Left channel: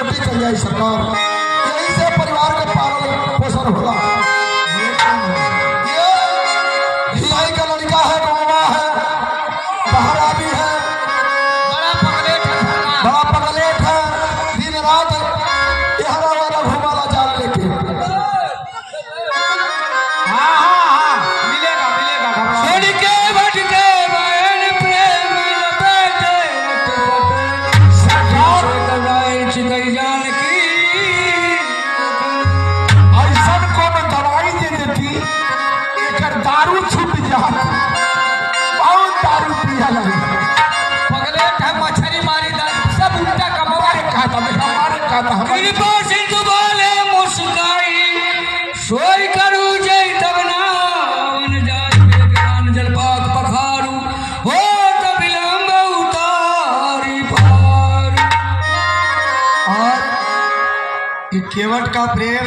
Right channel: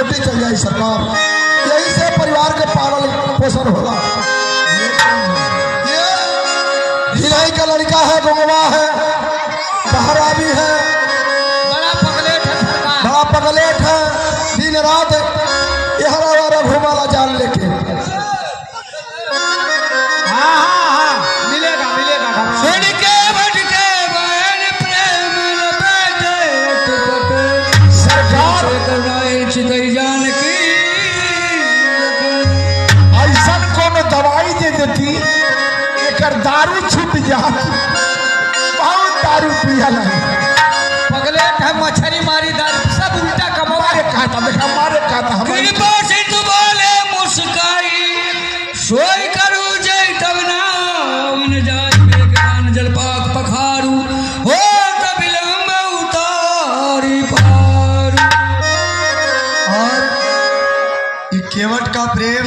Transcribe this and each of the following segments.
रोटी चल जाए सरकार, यही से परिवार का पालन पोषण होगा। भिलाई का लड़का है, बनवा है, बहरा भी है, बड़ा पगलेट है, दिन रात यहाँ घूमना जान लेके। केवट का प्रेम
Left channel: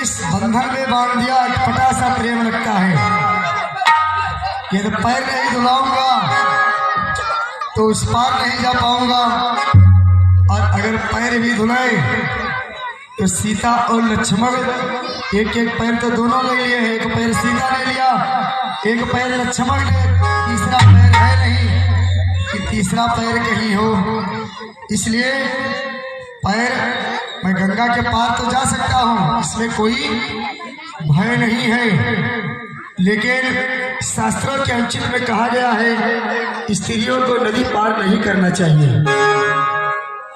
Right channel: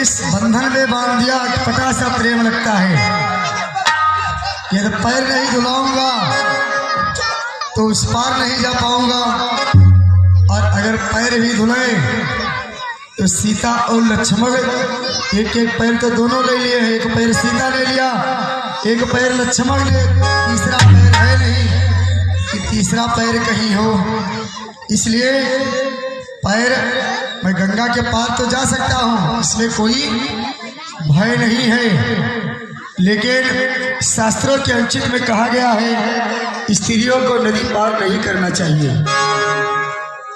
इस बंधन में बांध दिया, अटपटा सा प्रेम लगता है। यदि पैर नहीं धुलाऊंगा तो उस पार नहीं जा पाऊंगा, और अगर पैर भी धुलाए तो सीता और लक्ष्मण एक एक पैर तो दोनों ले लिए, एक पैर सीता ले लिया, एक पैर लक्ष्मण ने, तीसरा पैर है नहीं कि तीसरा पैर कहीं हो। इसलिए पैर मैं गंगा के पार तो जा सकता हूँ, इसमें कोई भय नहीं है, लेकिन शास्त्रों के अंचित में कहा गया है स्त्रियों को नदी पार नहीं करना चाहिए।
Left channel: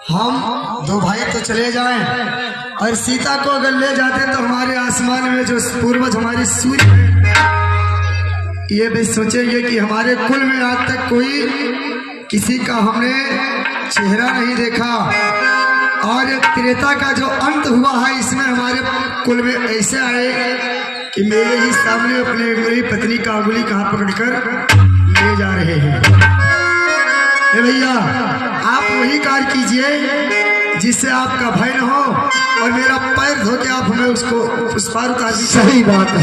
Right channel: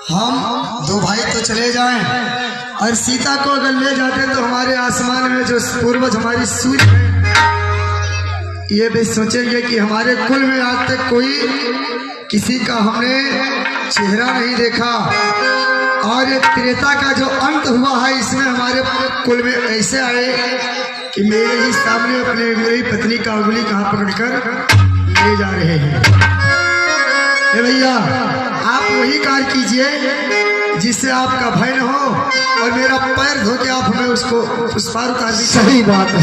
हम दो भाई तो चले जाएं, और सीता को अगर ले जाते तो हमारे आसमान में जो पूर्वज हमारी सूर्य, ये भी सोचेंगे कि हमारे कुल में आज तक कोई किसी का हमने चेहरा नहीं देखा, और ये त्रेता का जो अंत हुआ है इसमें हमारे कुल में ऐसे आए कि मेरे ही सामने अपने मेरी पत्नी का उंगली कहाँ पकड़कर ले जा रहे हैं। भैया आप वही कार्य कीजिए जिससे आपका भय न हो, और मेरा पैर धो के आप हमें उसको उस पार उतार दीजिए। सही बात है।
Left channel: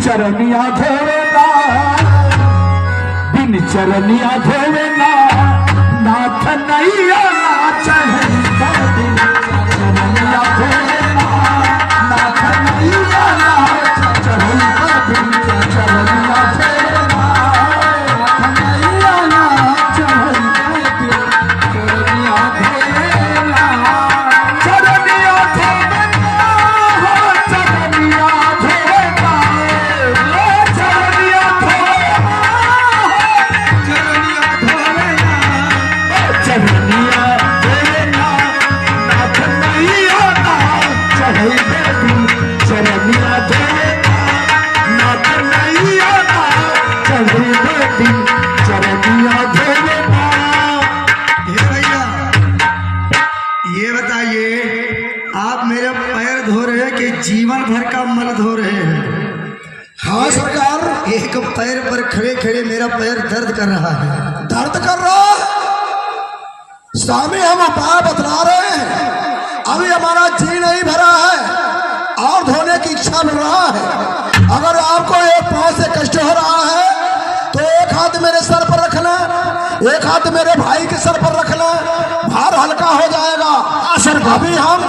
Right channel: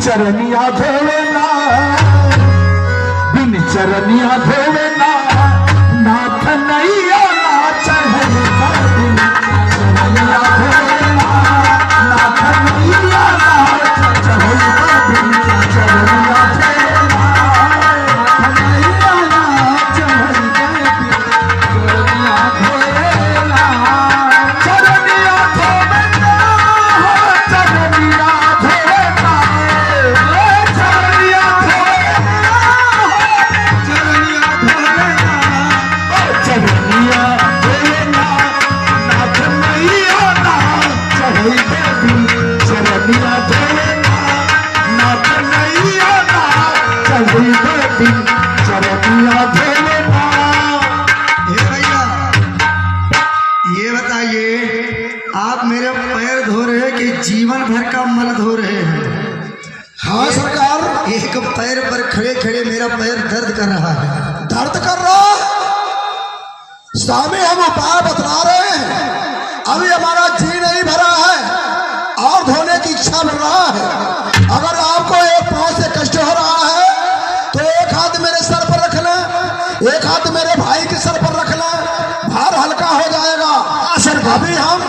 चरनिया देवेना, बिन चरनिया देवेना, नाथ नैया नाच है गोविंद। चरनिया देवेना, नाथ नैया नाच है गोविंद। चरनिया देवेना, नाथ नैया नाच है गोविंद। चरनिया देवेना, चरनिया देवेना, चरनिया ये बताइए आप मेरे पैर धो रहे हैं कि जीवन भर का मन धो रहे हैं? हाँ सरकार, एक पैर पर खड़े खड़े मेरा पैर दर्द कर रहा है। दर्द कर रहा है? स्वामी हम उपाय बतला रहे हैं, अभी हमारा जी नहीं भरा है और धोने की इच्छा मिल रहा है। अगर आपको एक पांव से कष्ट हो रहा है तो एक हाथ मेरे सर पर रख ले, एक हाथ मेरे भाई के सर पर रख ले, भार हल्का हो जाएगा। सर अभी हम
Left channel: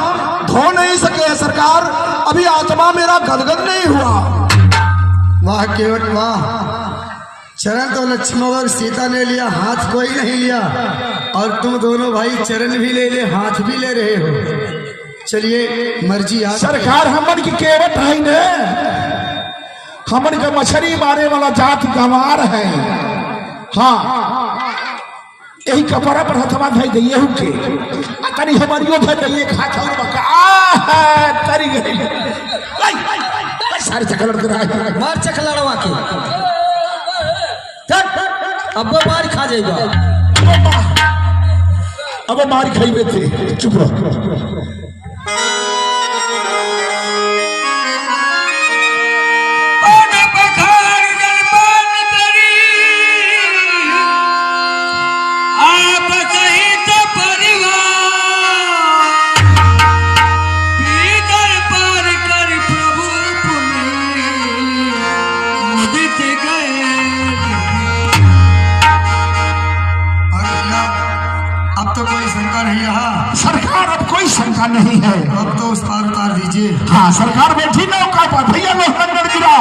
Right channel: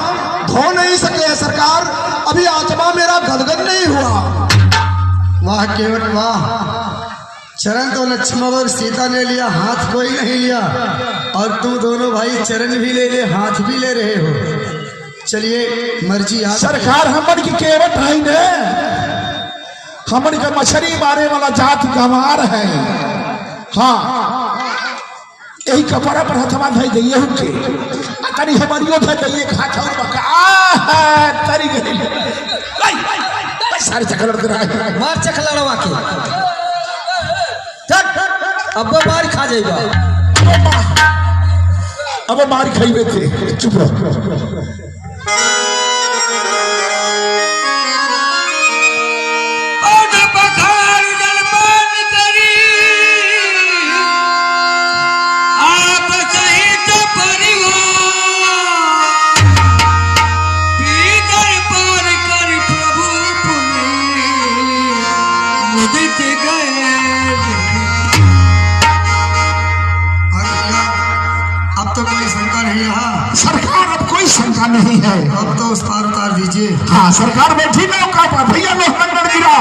धो नहीं सके सरकार, अभी आत्मा मेरा गदगद नहीं हुआ। वाह केवट वाह, चरण तो लक्ष्मण और सीता ने लिया, हाथ कोई नहीं लिया, और तुम दोनों भाई चरण भी ले ले, हाथ भी ले रहे हो। चलिए मर्जी आप। सरकार हमन की केवट है ने, हमन का मछली मारे वाला जात गंवार है। हाँ यही कपड़ा पर हथवा धई दइए के तनी हमारियो धर दइए खाता बका तरी गई सारे चक्कर लड़ रहा मार चक लड़वा के अब मार खा जाएगा। अब मार खाइबे थे, चुप रहो। अब तो कोई शंका नहीं यहाँ। सरकार अब कोई शंका नहीं है। अब तो उस पार उतार दीजिए। हाँ सरकार बैठी नौका पर भैया ने हमन गिरा